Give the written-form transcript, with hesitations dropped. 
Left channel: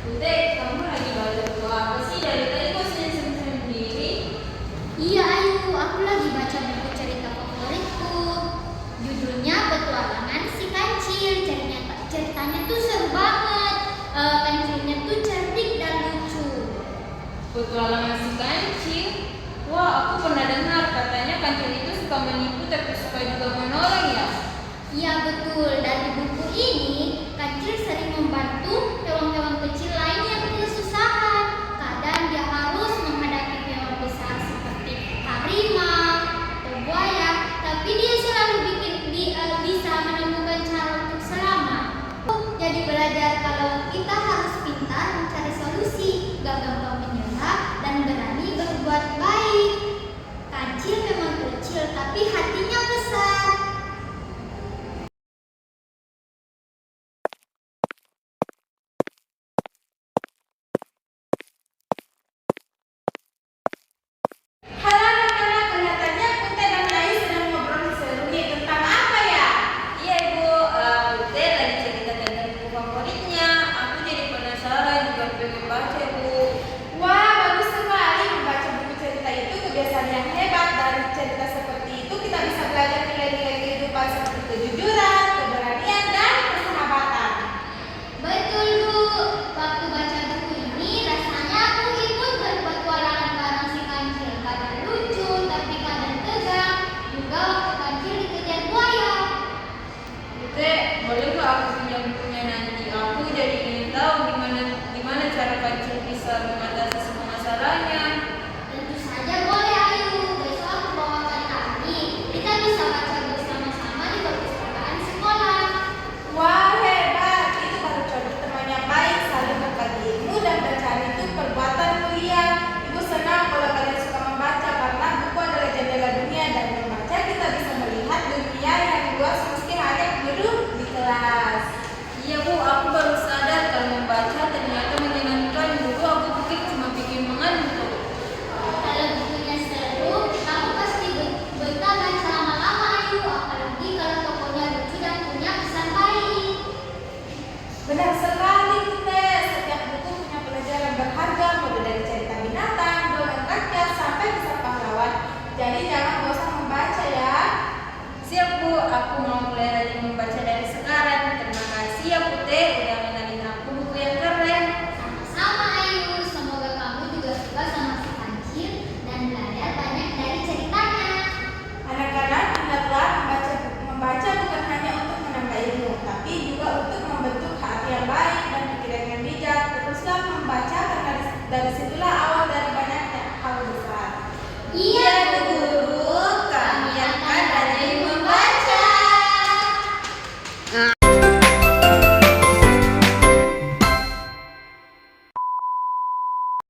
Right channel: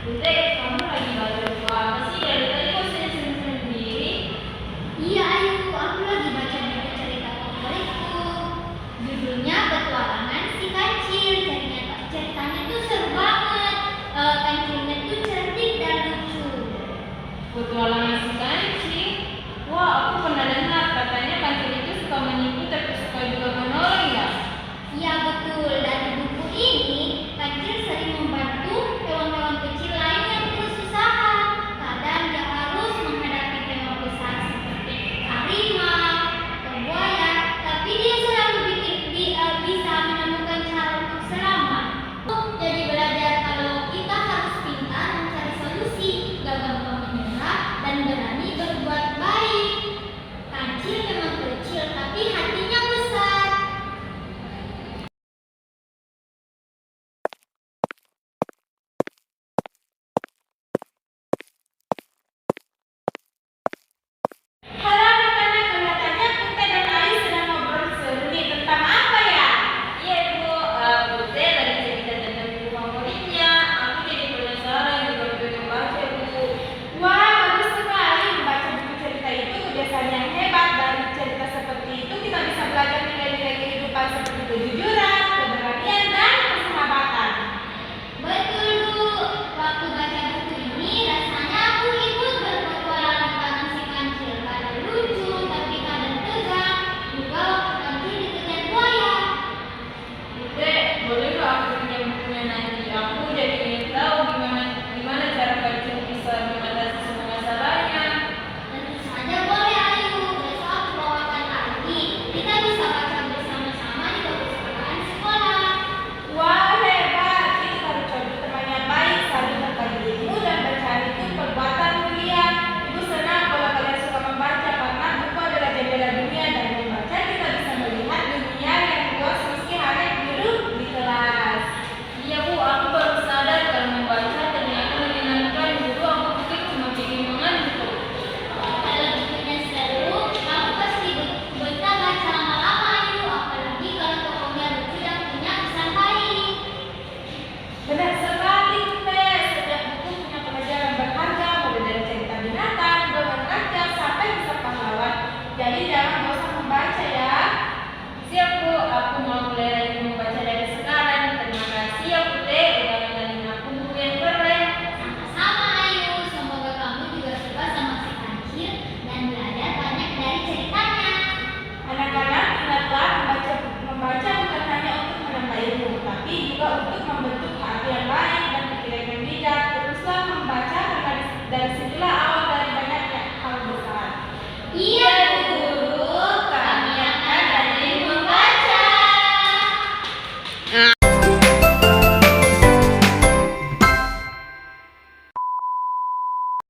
Bude, kamu lagi baca buku apa sih? Dari tadi kok senyum-senyum sendiri? Iya Ayu, aku lagi baca buku cerita favoritku. Judulnya Petualangan Si Kancil. Ceritanya tuh seru banget. Kancilnya tuh cerdik dan lucu. Petualangan si kancing. Wah, aku pernah dengar katanya kancing itu suka menipu tapi suka juga menolong ya. Iya betul, dari buku ini Kancil sering